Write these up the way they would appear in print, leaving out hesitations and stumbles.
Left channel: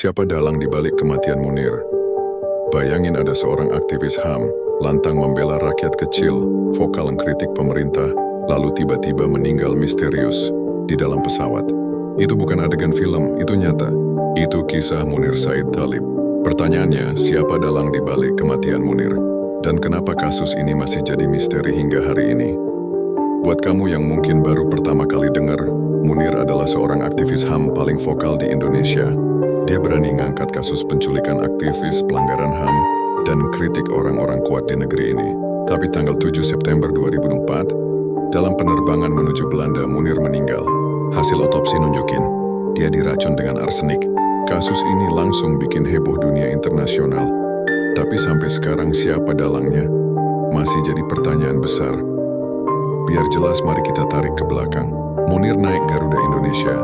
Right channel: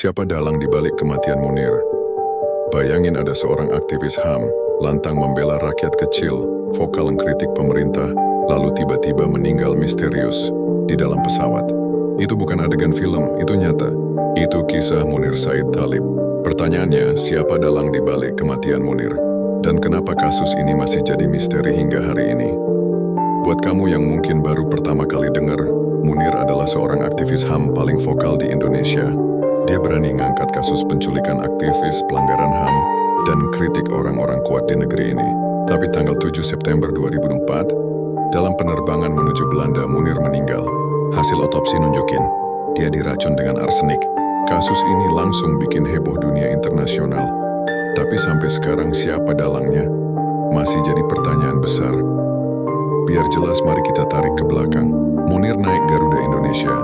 Siapa dalang di balik kematian Munir? Bayangin ada seorang aktivis HAM, lantang membela rakyat kecil, vokal mengkritik pemerintah, lalu tiba-tiba meninggal misterius di dalam pesawat. Itu bukan adegan film, itu nyata. Itu kisah Munir Said Thalib. Pertanyaannya, siapa dalang di balik kematian Munir? Dan kenapa kasus ini masih jadi misteri hingga hari ini? Buat kamu yang mungkin baru pertama kali dengar, Munir adalah seorang aktivis HAM paling vokal di Indonesia. Dia berani ngangkat kasus penculikan aktivis, pelanggaran HAM, dan kritik orang-orang kuat di negeri ini. Tapi tanggal 7 September 2004, dalam penerbangan menuju Belanda, Munir meninggal. Hasil otopsi nunjukin, dia diracun dengan arsenik. Kasus ini langsung bikin heboh dunia internasional. Tapi sampai sekarang siapa dalangnya? Masih jadi pertanyaan besar. Biar jelas, mari kita tarik ke belakang. Munir naik Garuda Indonesia,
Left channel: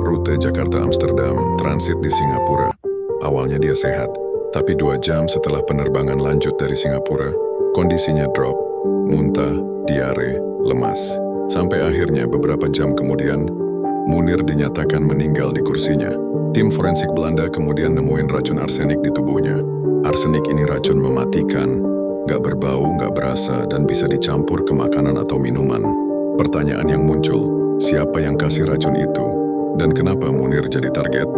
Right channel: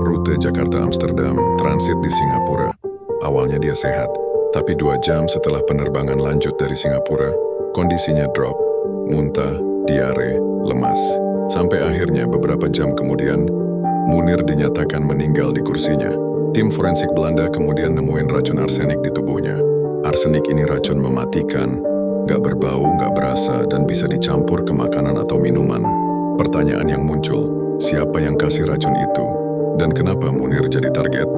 rute Jakarta-Amsterdam, transit di Singapura. Awalnya dia sehat, tapi 2 jam setelah penerbangan lanjut dari Singapura, kondisinya drop, muntah, diare, lemas. Sampai akhirnya beberapa jam kemudian, Munir dinyatakan meninggal di kursinya. Tim forensik Belanda kemudian nemuin racun arsenik di tubuhnya. Arsenik ini racun mematikan, gak berbau, gak berasa, dan bisa dicampur ke makanan atau minuman. Pertanyaan yang muncul, siapa yang kasih racun itu? Dan kenapa Munir jadi target?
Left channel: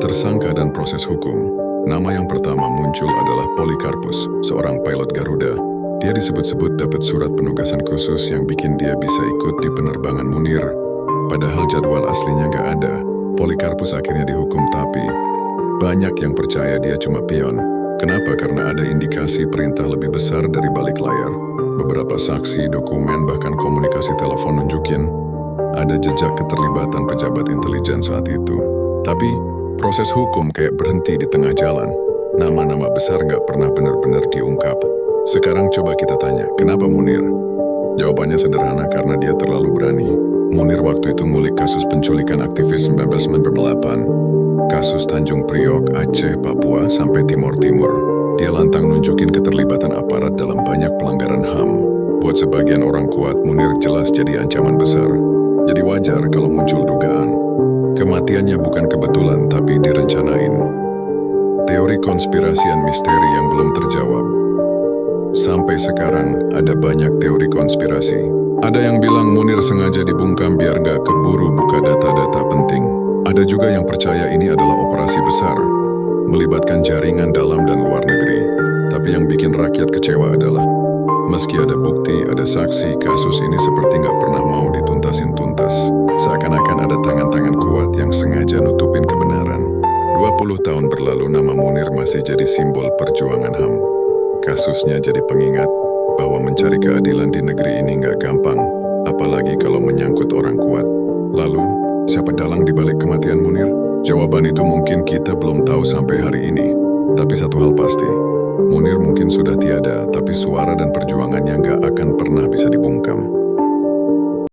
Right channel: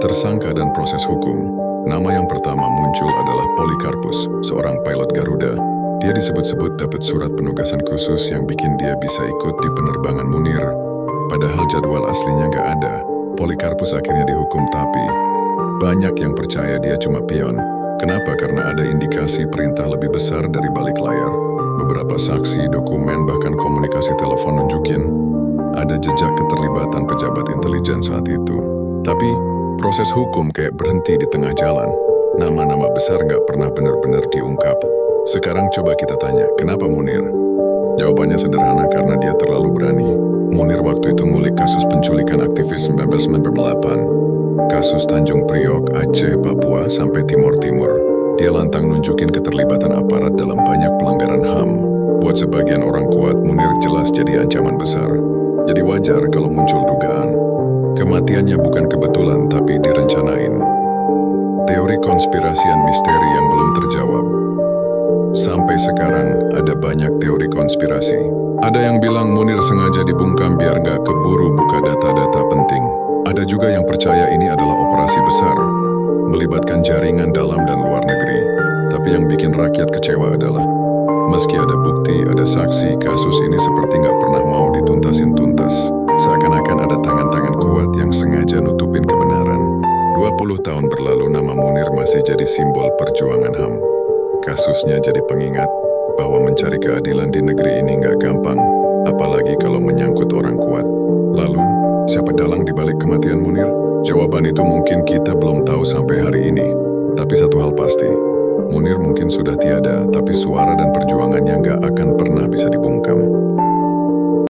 Tersangka dan proses hukum. Nama yang pertama muncul adalah Polikarpus, seorang pilot Garuda. Dia disebut-sebut dapat surat penugasan khusus yang bikin dia bisa ikut di penerbangan Munir. Padahal jadwal aslinya gak ada. Polikarpus akhirnya dihukum, tapi banyak yang percaya dia cuma pion. Kenapa? Karena ada indikasi perintah lebih besar dari balik layar. Beberapa saksi, dokumen, bahkan komunikasi telepon nunjukin ada jejak keterlibatan pejabat intelijen saat itu. Tapi, proses hukum kayak berhenti di tengah jalan. Nama-nama besar nggak pernah benar-benar diungkap. Sekarang coba kita tanya, kenapa Munir? Jawabannya sederhana, karena dia terlalu berani. Munir waktu itu ngulik kasus penculikan aktivis 1998. Kasus Tanjung Priok, Aceh, Papua, sampai Timur Timur. Dia lantang nunjukin keterlibatan aparat dalam banyak pelanggaran HAM. Buat sebagian orang kuat, Munir jelas jadi ancaman besar. Jadi wajar kalau muncul dugaan. Kematiannya bukan kebetulan, tapi direncanain. Teori konspirasian misteri yang belum terjawab. Sampai sekarang, ada banyak teori konspirasi. Ada yang bilang Munir sengaja dibungkam biar nggak keburu buka data-data penting. Ada juga yang percaya ini adalah operasi besar, melibatkan jaringan dalam dan luar negeri. Tapi yang bikin rakyat kecewa adalah, meski ada bukti, ada saksi, kasus ini seperti nggak pernah mau dituntasin tuntas. Seakan-akan ada tangan-tangan kuat yang sengaja nutupin kebenaran. 20 tahun berlalu, nama Munir masih jadi simbol perjuangan HAM. Kasusnya jadi pengingat bahwa mencari keadilan di negeri ini nggak gampang, apalagi kalau menyangkut orang kuat. Lalu, siapa dalang di balik kematian Munir? Jawaban itu mungkin kita belum tahu sampai hari ini. Tapi satu hal pasti, Munir mungkin sudah tiada, tapi suara dan perjuangannya nggak akan pernah bisa dibungkam.